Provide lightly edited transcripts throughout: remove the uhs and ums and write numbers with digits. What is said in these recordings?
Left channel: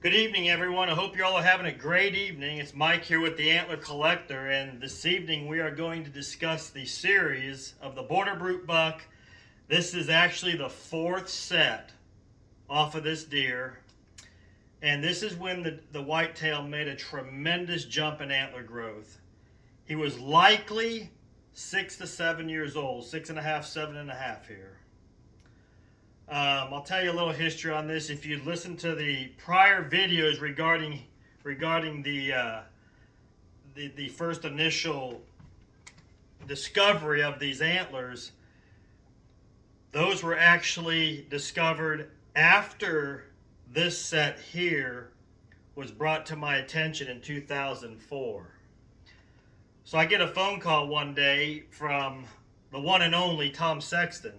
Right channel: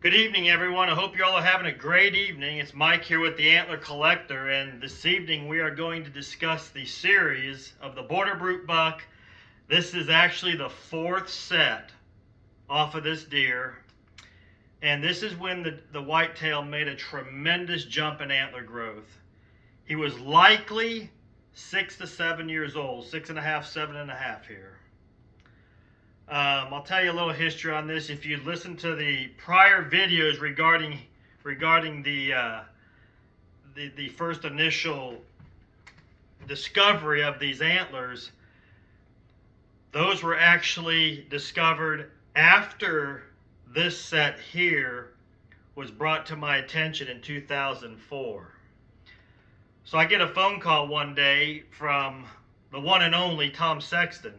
Good evening, everyone. I hope you all are having a great evening. It's Mike here with the Antler Collector, and this evening we are going to discuss the series of the Border Brute buck. This is actually the fourth set off of this deer, and this is when the whitetail made a tremendous jump in antler growth. He was likely 6 to 7 years old, 6.5, 7.5 here. I'll tell you a little history on this. If you listen to the prior videos regarding the first initial discovery of these antlers, those were actually discovered after this set here was brought to my attention in 2004. So I get a phone call one day from the one and only Tom Sexton.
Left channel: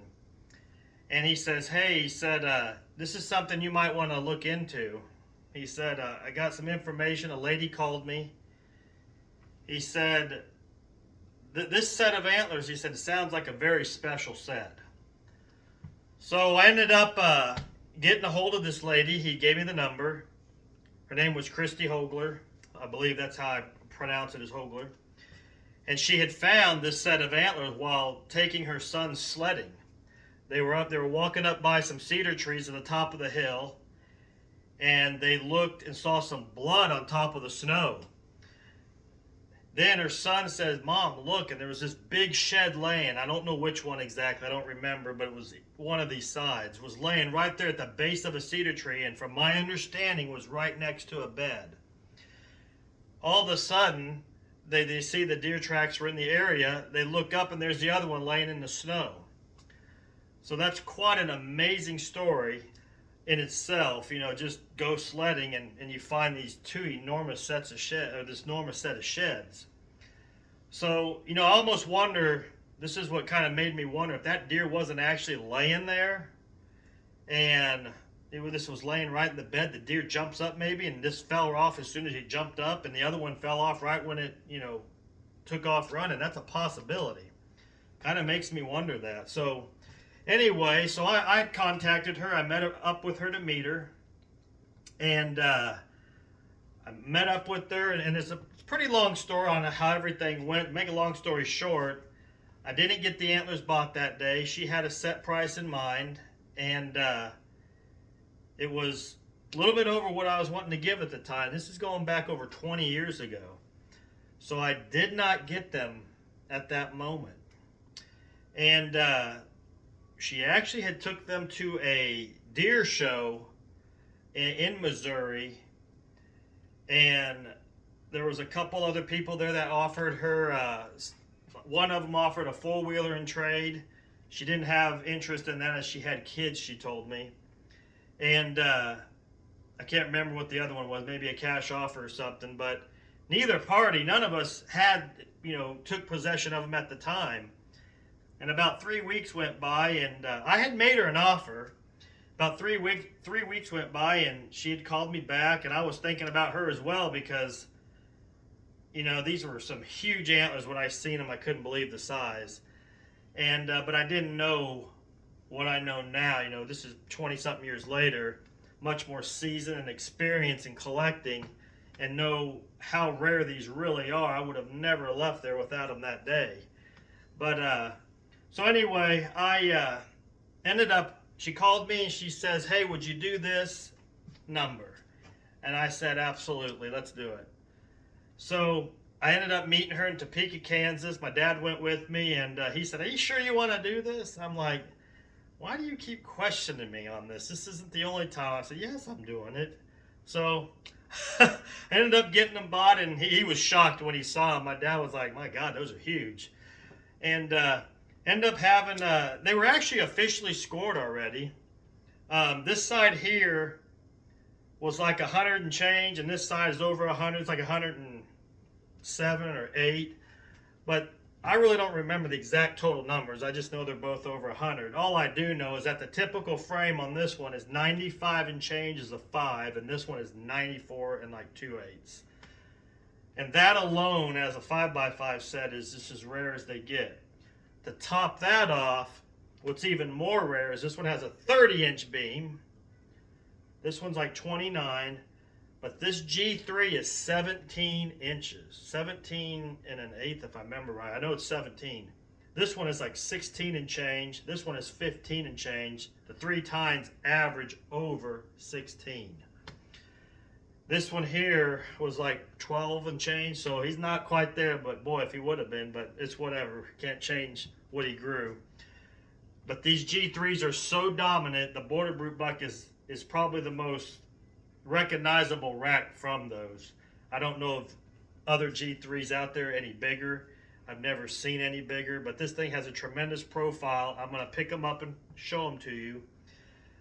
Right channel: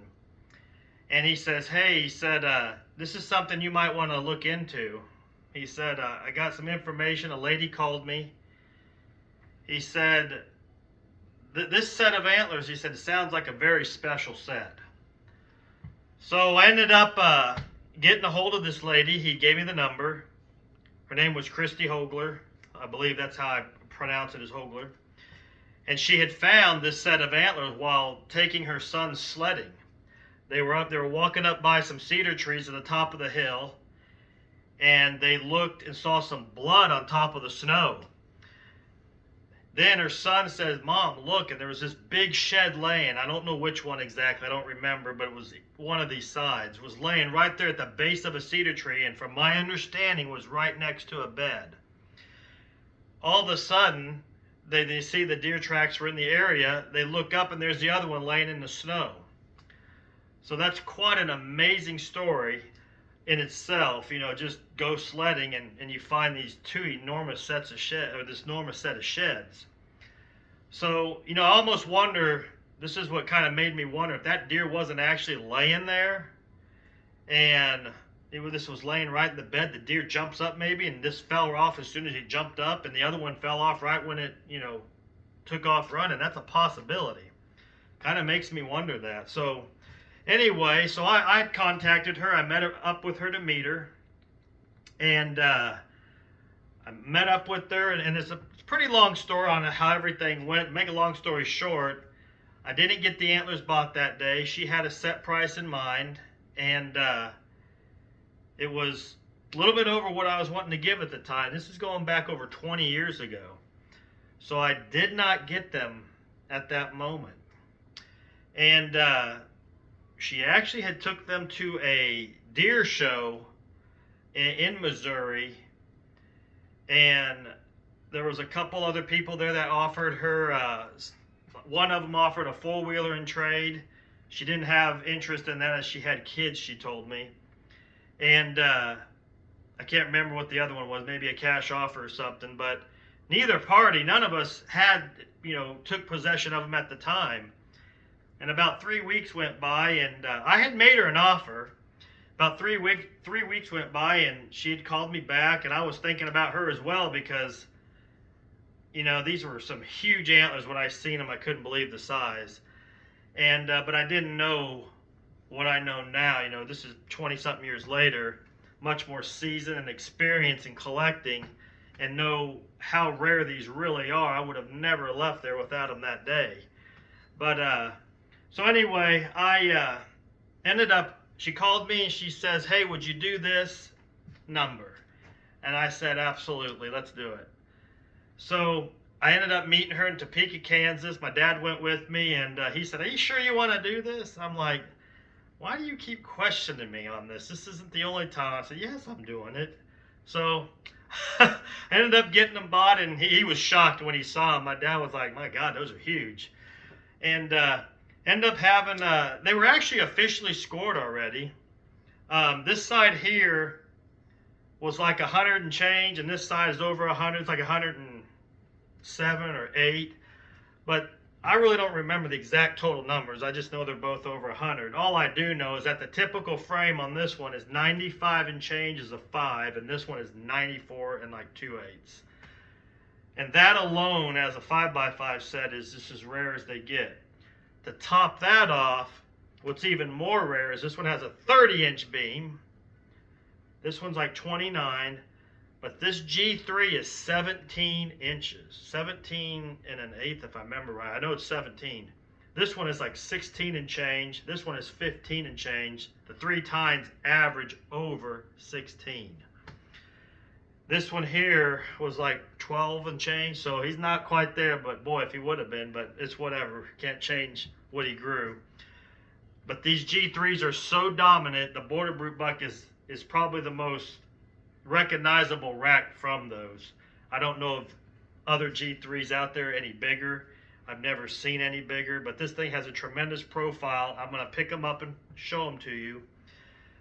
And he says, hey, he said, this is something you might want to look into. He said, I got some information. A lady called me. He said, this set of antlers, he said, sounds like a very special set. So I ended up getting a hold of this lady. He gave me the number. Her name was Christy Hogler. I believe that's how I pronounce it, is Hogler. And she had found this set of antlers while taking her son sledding. They were walking up by some cedar trees at the top of the hill, and they looked and saw some blood on top of the snow. Then her son says, Mom, look, and there was this big shed laying. I don't know which one exactly, I don't remember, but it was one of these sides. It was laying right there at the base of a cedar tree, and from my understanding was right next to a bed. All of a sudden, they see the deer tracks were in the area. They look up, and there's the other one laying in the snow. So that's quite an amazing story in itself. You know, just go sledding and you find these two enormous sets of shed, or this enormous set of sheds. So, you know, I almost wonder, this is what kind of made me wonder if that deer wasn't actually laying there and this was laying right in the bed. The deer jumps up maybe, and this fell off as soon as he jumped up, and the other one fell off right when it, took off running. That's a possibility. Kind of makes me wonder that. So anyway, so I contacted her. I met up with her to meet her. And I met up with her, and it's a pretty long story on how everything went. Make a long story short, I didn't get the antlers bought that day. She had a set price in mind, and it was a little bit over what I was wanting to give at the time. This is going back over 20 years ago. So I did not get them at that moment. And she actually had took them to a deer show in Missouri, and there was a couple other people there that offered her, one of them offered a four-wheeler in trade. She didn't have interest in that as she had kids, she told me. And I can't remember what the other one was, maybe a cash offer or something, but neither party, none of us had, took possession of them at the time. And about 3 weeks went by, and I had made her an offer. About 3 weeks went by, and she had called me back, and I was thinking about her as well because, these were some huge antlers. When I seen them, I couldn't believe the size. And but I didn't know what I know now. This is 20-something years later, much more seasoned and experience in collecting, and know how rare these really are. I would have never left there without them that day. But so anyway, I ended up, she called me and she says, hey, would you do this number? And I said, absolutely, let's do it. So I ended up meeting her in Topeka, Kansas. My dad went with me, and he said, are you sure you want to do this? I'm like, why do you keep questioning me on this? This isn't the only time. I said, yes, I'm doing it. So I ended up getting them bought, and he was shocked when he saw them. My dad was like, my God, those are huge. And ended up having, they were actually officially scored already. This side here was like 100 and change, and this side is over 100. It's like 107 or 8. But I really don't remember the exact total numbers. I just know they're both over 100. All I do know is that the typical frame on this one is 95 and change is a 5, and this one is 94 and like 2/8. And that alone, as a 5x5 set, is just as rare as they get. To top that off, what's even more rare is this one has a 30-inch beam. This one's like 29. But this G3 is 17 inches. 17 and an eighth, if I remember right. I know it's 17. This one is like 16 and change. This one is 15 and change. The 3 tines average over 16. This one here was like 12 and change, so he's not quite there, but boy, if he would have been, but it's whatever. Can't change what he grew. But these G3s are so dominant, the border brute buck is probably the most recognizable rack from those. I don't know if other G3s out there any bigger. I've never seen any bigger, but this thing has a tremendous profile. I'm going to pick them up and show them to you.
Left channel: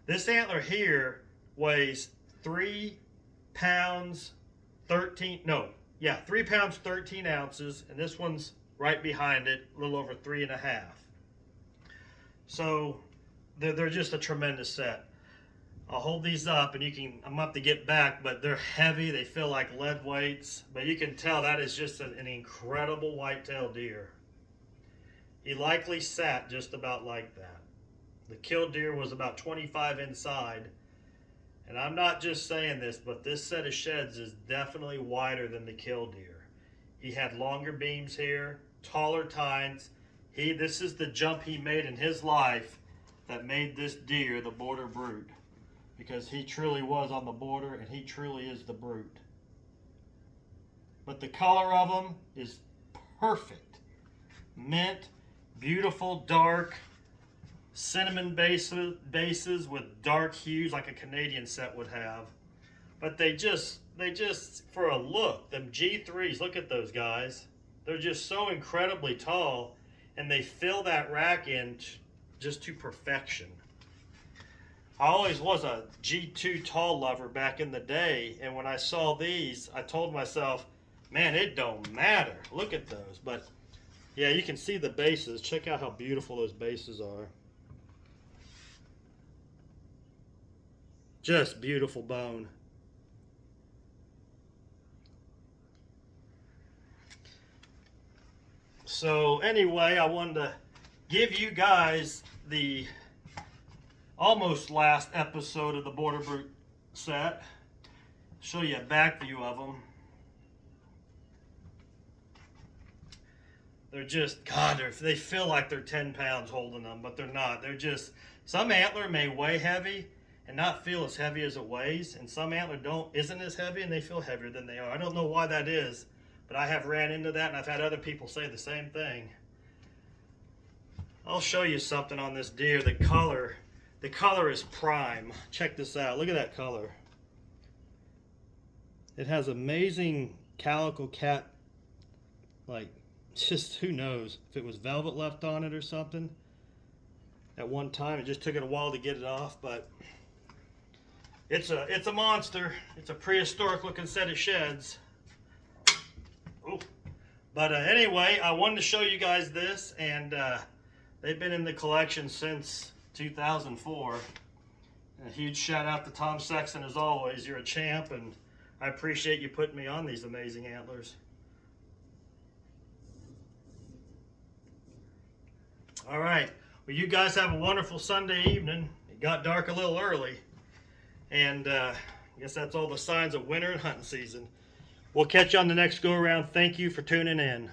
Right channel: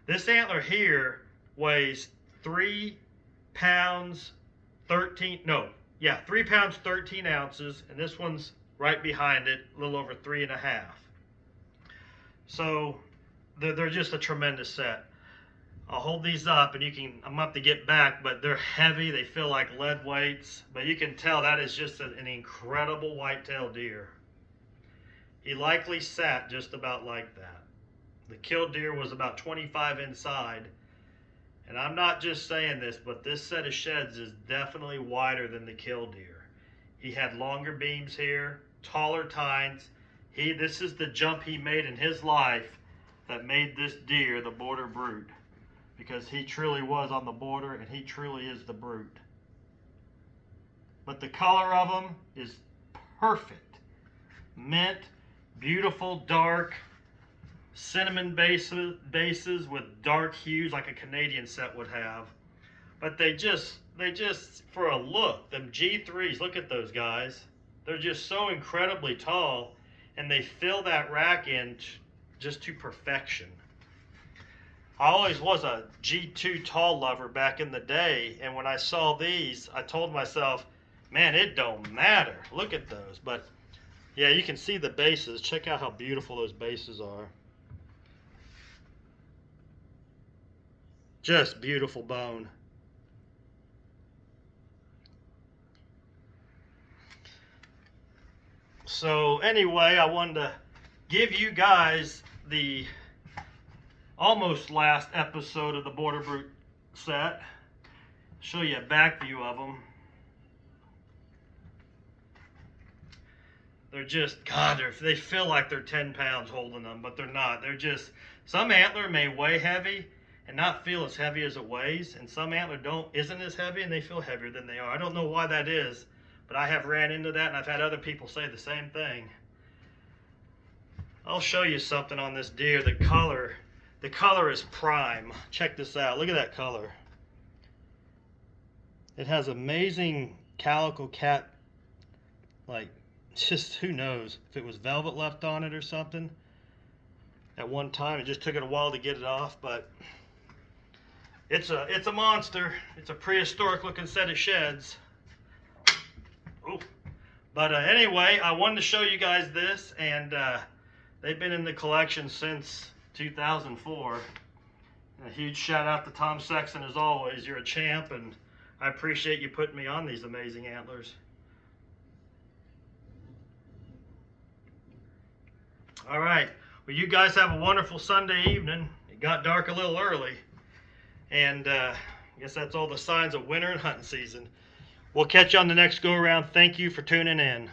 This antler here weighs 3 pounds 13, no, yeah, 3 pounds 13 ounces, and this one's right behind it, a little over 3.5. So they're just a tremendous set. I'll hold these up and I'm gonna have to get back, but they're heavy. They feel like lead weights, but you can tell that is just an incredible whitetail deer. He likely sat just about like that. The killed deer was about 25 inside, and I'm not just saying this, but this set of sheds is definitely wider than the killed deer. He had longer beams here, taller tines. This is the jump he made in his life that made this deer the border brute, because he truly was on the border and he truly is the brute. But the color of them is perfect. Mint, beautiful, dark, cinnamon bases with dark hues like a Canadian set would have. But they just, for a look, them G3s, look at those guys. They're just so incredibly tall, and they fill that rack in just to perfection. I always was a G2 tall lover back in the day, and when I saw these, I told myself, man, it don't matter. Look at those. But yeah, you can see the bases. Check out how beautiful those bases are. Just beautiful bone. So anyway, I wanted to give you guys the almost last episode of the Border Brute set. Show you a back view of them. They're just, God, they feel like they're 10 pounds holding them, but they're not. They're just, some antler may weigh heavy and not feel as heavy as it weighs, and some antler isn't as heavy and they feel heavier than they are. I don't know why that is, but I have ran into that, and I've had other people say the same thing. I'll show you something on this deer. The color is prime. Check this out. Look at that color. It has amazing calico cat, like, just who knows if it was velvet left on it or something at one time. It just took it a while to get it off, but it's a monster. It's a prehistoric looking set of sheds. Ooh. But anyway, I wanted to show you guys this, and they've been in the collection since 2004. And a huge shout out to Tom Sexton as always. You're a champ, and I appreciate you putting me on these amazing antlers. All right. Well, you guys have a wonderful Sunday evening. It got dark a little early, and I guess that's all the signs of winter and hunting season. We'll catch you on the next go around. Thank you for tuning in.